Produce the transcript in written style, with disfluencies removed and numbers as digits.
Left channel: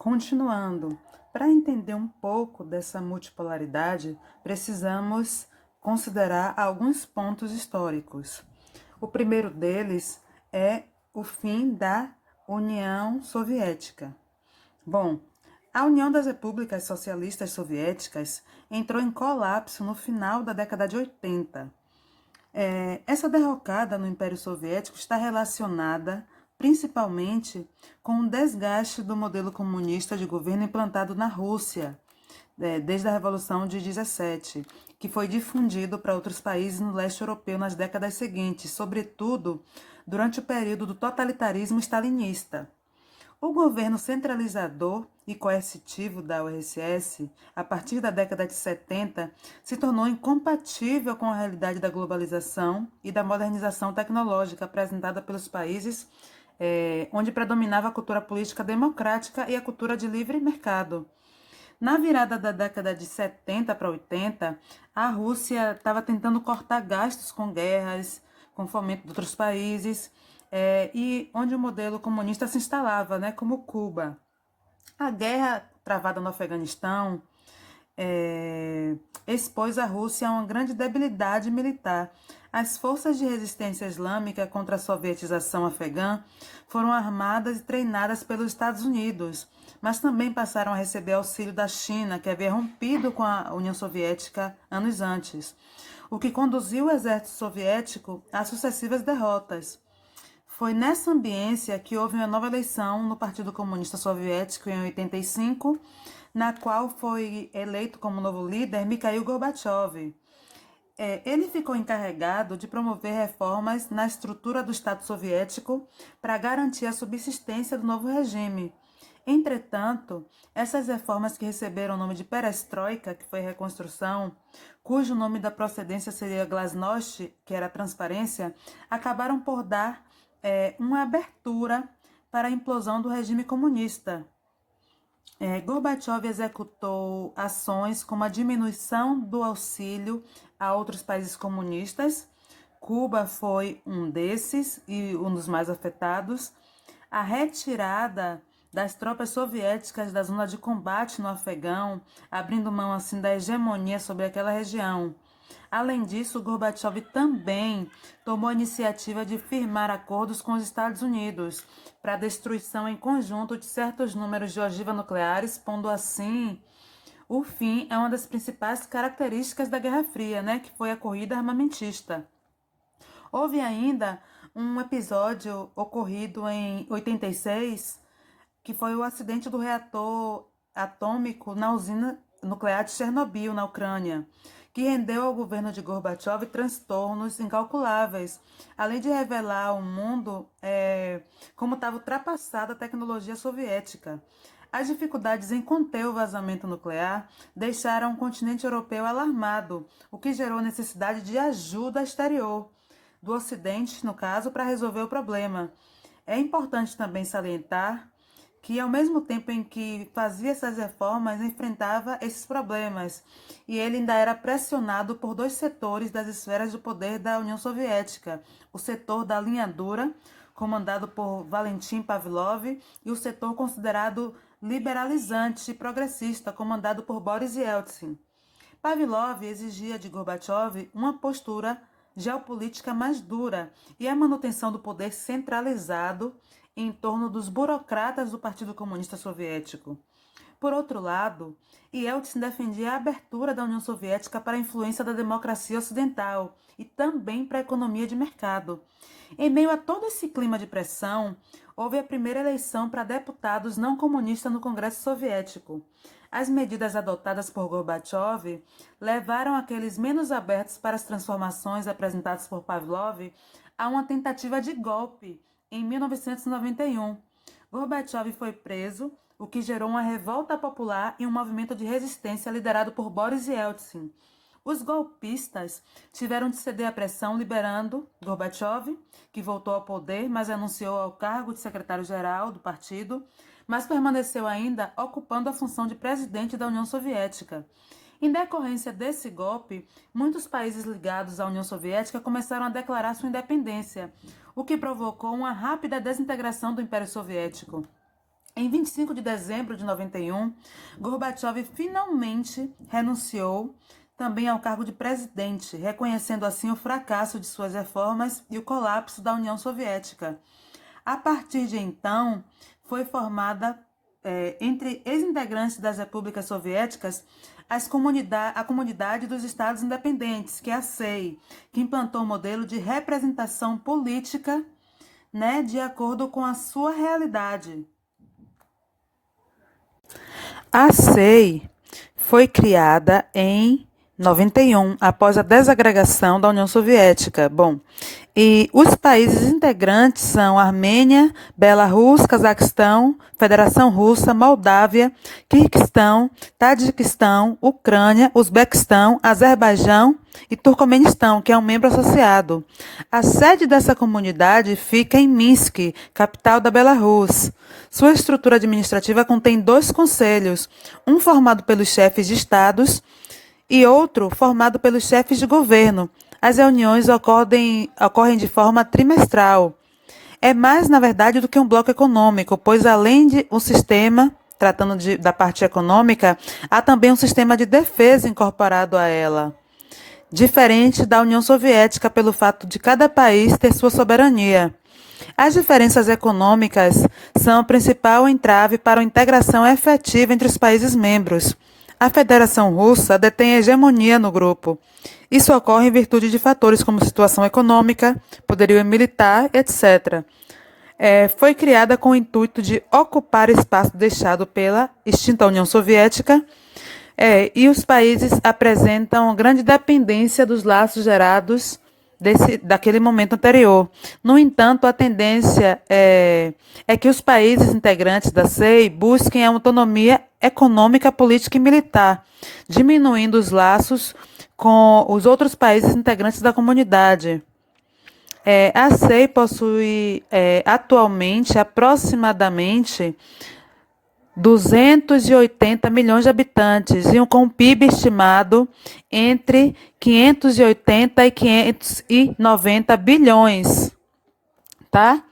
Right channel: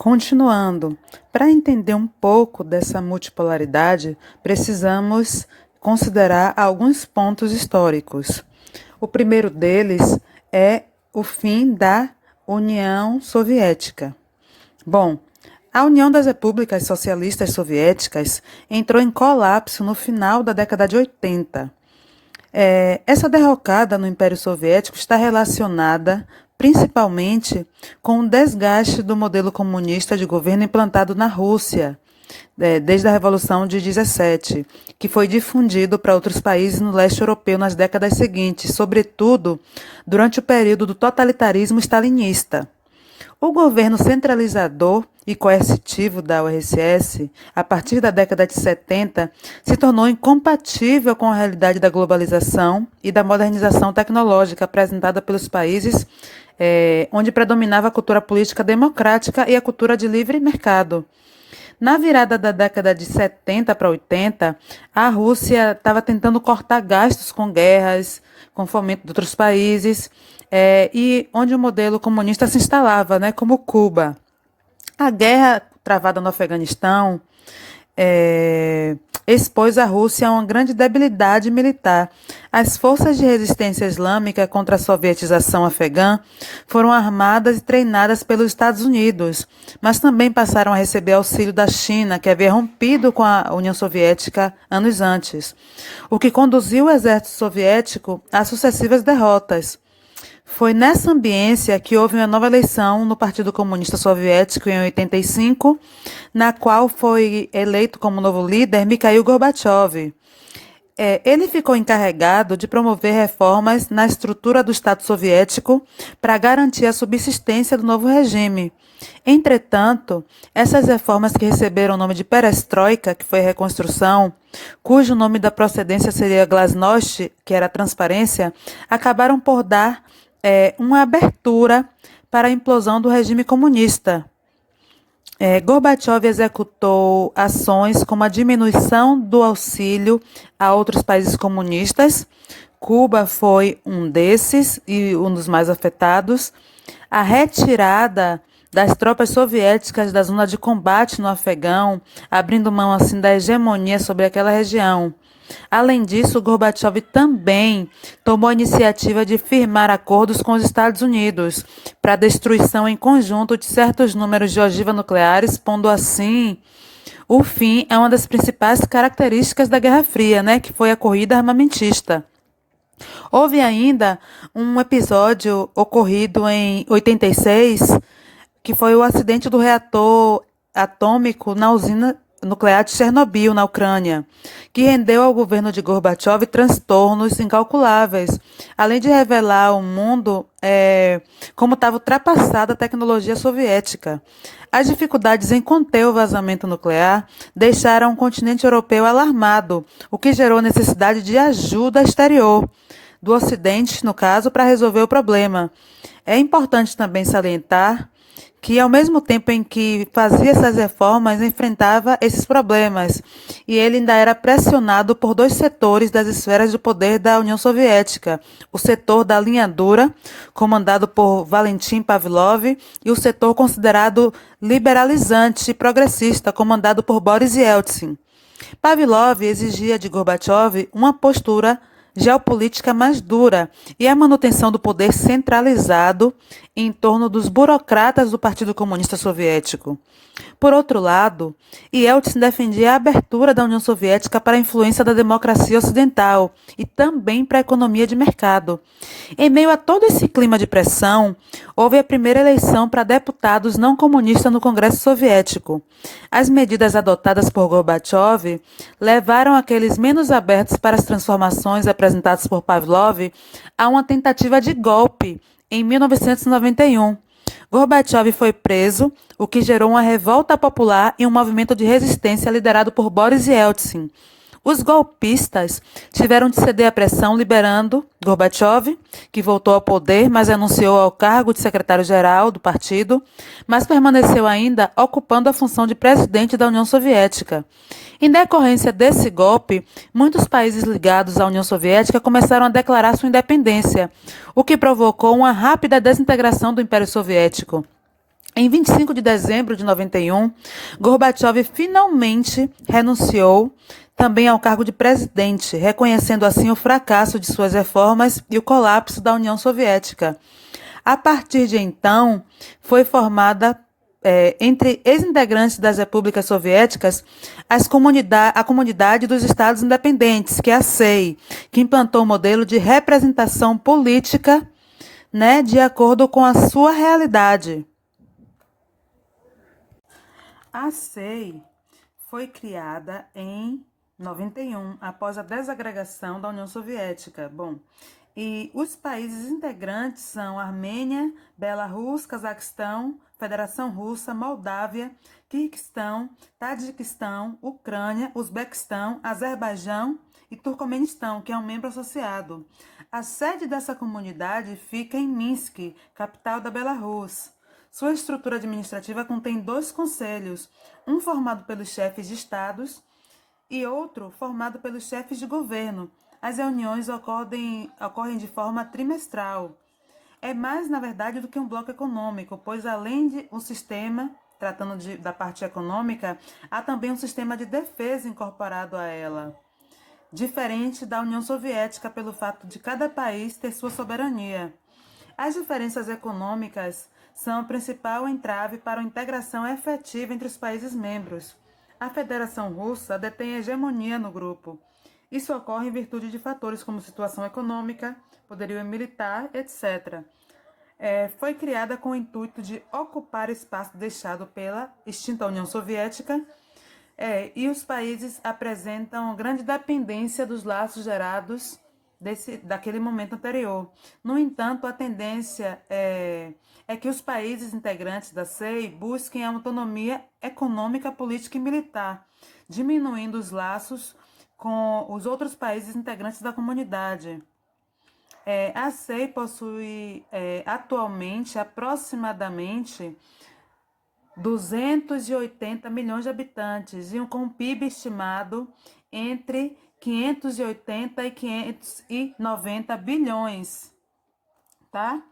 Continuando, para entender um pouco dessa multipolaridade, precisamos considerar alguns pontos históricos. O primeiro deles é o fim da União Soviética. Bom, a União das Repúblicas Socialistas Soviéticas entrou em colapso no final da década de 80. Essa derrocada no Império Soviético está relacionada principalmente com o desgaste do modelo comunista de governo implantado na Rússia, desde a Revolução de 17, que foi difundido para outros países no leste europeu nas décadas seguintes, sobretudo durante o período do totalitarismo stalinista. O governo centralizador e coercitivo da URSS, a partir da década de 70, se tornou incompatível com a realidade da globalização e da modernização tecnológica apresentada pelos países onde predominava a cultura política democrática e a cultura de livre mercado. Na virada da década de 70 para 80, a Rússia estava tentando cortar gastos com guerras, com fomento de outros países, e onde o modelo comunista se instalava, né, como Cuba. A guerra travada no Afeganistão expôs a Rússia a uma grande debilidade militar. As forças de resistência islâmica contra a sovietização afegã foram armadas e treinadas pelos Estados Unidos, mas também passaram a receber auxílio da China, que havia rompido com a União Soviética anos antes, o que conduziu o exército soviético a sucessivas derrotas. Foi nessa ambiência que houve uma nova eleição no Partido Comunista Soviético em 85, na qual foi eleito como novo líder Mikhail Gorbachev. Ele ficou encarregado de promover reformas na estrutura do Estado soviético para garantir a subsistência do novo regime. Entretanto, essas reformas que receberam o nome de Perestroika, que foi reconstrução, cujo nome da procedência seria Glasnost, que era transparência, acabaram por dar uma abertura para a implosão do regime comunista. Gorbachev executou ações como a diminuição do auxílio a outros países comunistas. Cuba foi um desses e um dos mais afetados. A retirada das tropas soviéticas da zona de combate no Afegão, abrindo mão assim da hegemonia sobre aquela região. Além disso, Gorbachev também tomou a iniciativa de firmar acordos com os Estados Unidos para a destruição em conjunto de certos números de ogivas nucleares, pondo assim o fim a uma das principais características da Guerra Fria, né, que foi a corrida armamentista. Houve ainda um episódio ocorrido em 86, que foi o acidente do reator atômico na usina nuclear de Chernobyl, na Ucrânia, que rendeu ao governo de Gorbachev transtornos incalculáveis, além de revelar ao mundo como estava ultrapassada a tecnologia soviética. As dificuldades em conter o vazamento nuclear deixaram o continente europeu alarmado, o que gerou necessidade de ajuda exterior, do Ocidente, no caso, para resolver o problema. É importante também salientar que, ao mesmo tempo em que fazia essas reformas, enfrentava esses problemas. E ele ainda era pressionado por dois setores das esferas de poder da União Soviética: o setor da linha dura, comandado por Valentim Pavlov, e o setor considerado liberalizante e progressista, comandado por Boris Yeltsin. Pavlov exigia de Gorbachev uma postura geopolítica mais dura e a manutenção do poder centralizado em torno dos burocratas do Partido Comunista Soviético. Por outro lado, Yeltsin defendia a abertura da União Soviética para a influência da democracia ocidental e também para a economia de mercado. Em meio a todo esse clima de pressão, houve a primeira eleição para deputados não comunistas no Congresso Soviético. As medidas adotadas por Gorbachev levaram aqueles menos abertos para as transformações apresentadas por Pavlov a uma tentativa de golpe em 1991. Gorbachev foi preso, o que gerou uma revolta popular e um movimento de resistência liderado por Boris Yeltsin. Os golpistas tiveram de ceder à pressão, liberando Gorbachev, que voltou ao poder, mas renunciou ao cargo de secretário-geral do partido, mas permaneceu ainda ocupando a função de presidente da União Soviética. Em decorrência desse golpe, muitos países ligados à União Soviética começaram a declarar sua independência, o que provocou uma rápida desintegração do Império Soviético. Em 25 de dezembro de 91, Gorbachev finalmente renunciou também ao cargo de presidente, reconhecendo assim o fracasso de suas reformas e o colapso da União Soviética. A partir de então, foi formada entre ex-integrantes das repúblicas soviéticas a Comunidade dos Estados Independentes, que é a CEI, que implantou um modelo de representação política, né, de acordo com a sua realidade. A SEI foi criada em 91, após a desagregação da União Soviética. Bom, e os países integrantes são Armênia, Belarus, Cazaquistão, Federação Russa, Moldávia, Quirguistão, Tadiquistão, Ucrânia, Uzbequistão, Azerbaijão e Turcomenistão, que é um membro associado. A sede dessa comunidade fica em Minsk, capital da Belarus. Sua estrutura administrativa contém 2 conselhos, um formado pelos chefes de estados e outro formado pelos chefes de governo. As reuniões ocorrem de forma trimestral. É mais, na verdade, do que um bloco econômico, pois além de um sistema, da parte econômica, há também um sistema de defesa incorporado a ela, diferente da União Soviética pelo fato de cada país ter sua soberania. As diferenças econômicas são o principal entrave para a integração efetiva entre os países membros. A Federação Russa detém hegemonia no grupo. Isso ocorre em virtude de fatores como situação econômica, poderio militar, etc. Foi criada com o intuito de ocupar espaço deixado pela extinta União Soviética, e os países apresentam grande dependência dos laços gerados daquele momento anterior. No entanto, a tendência é que os países integrantes da CEI busquem a autonomia econômica, política e militar, diminuindo os laços com os outros países integrantes da comunidade. A CEI possui atualmente aproximadamente 280 milhões de habitantes e com um PIB estimado entre 580 e 590 bilhões, tá?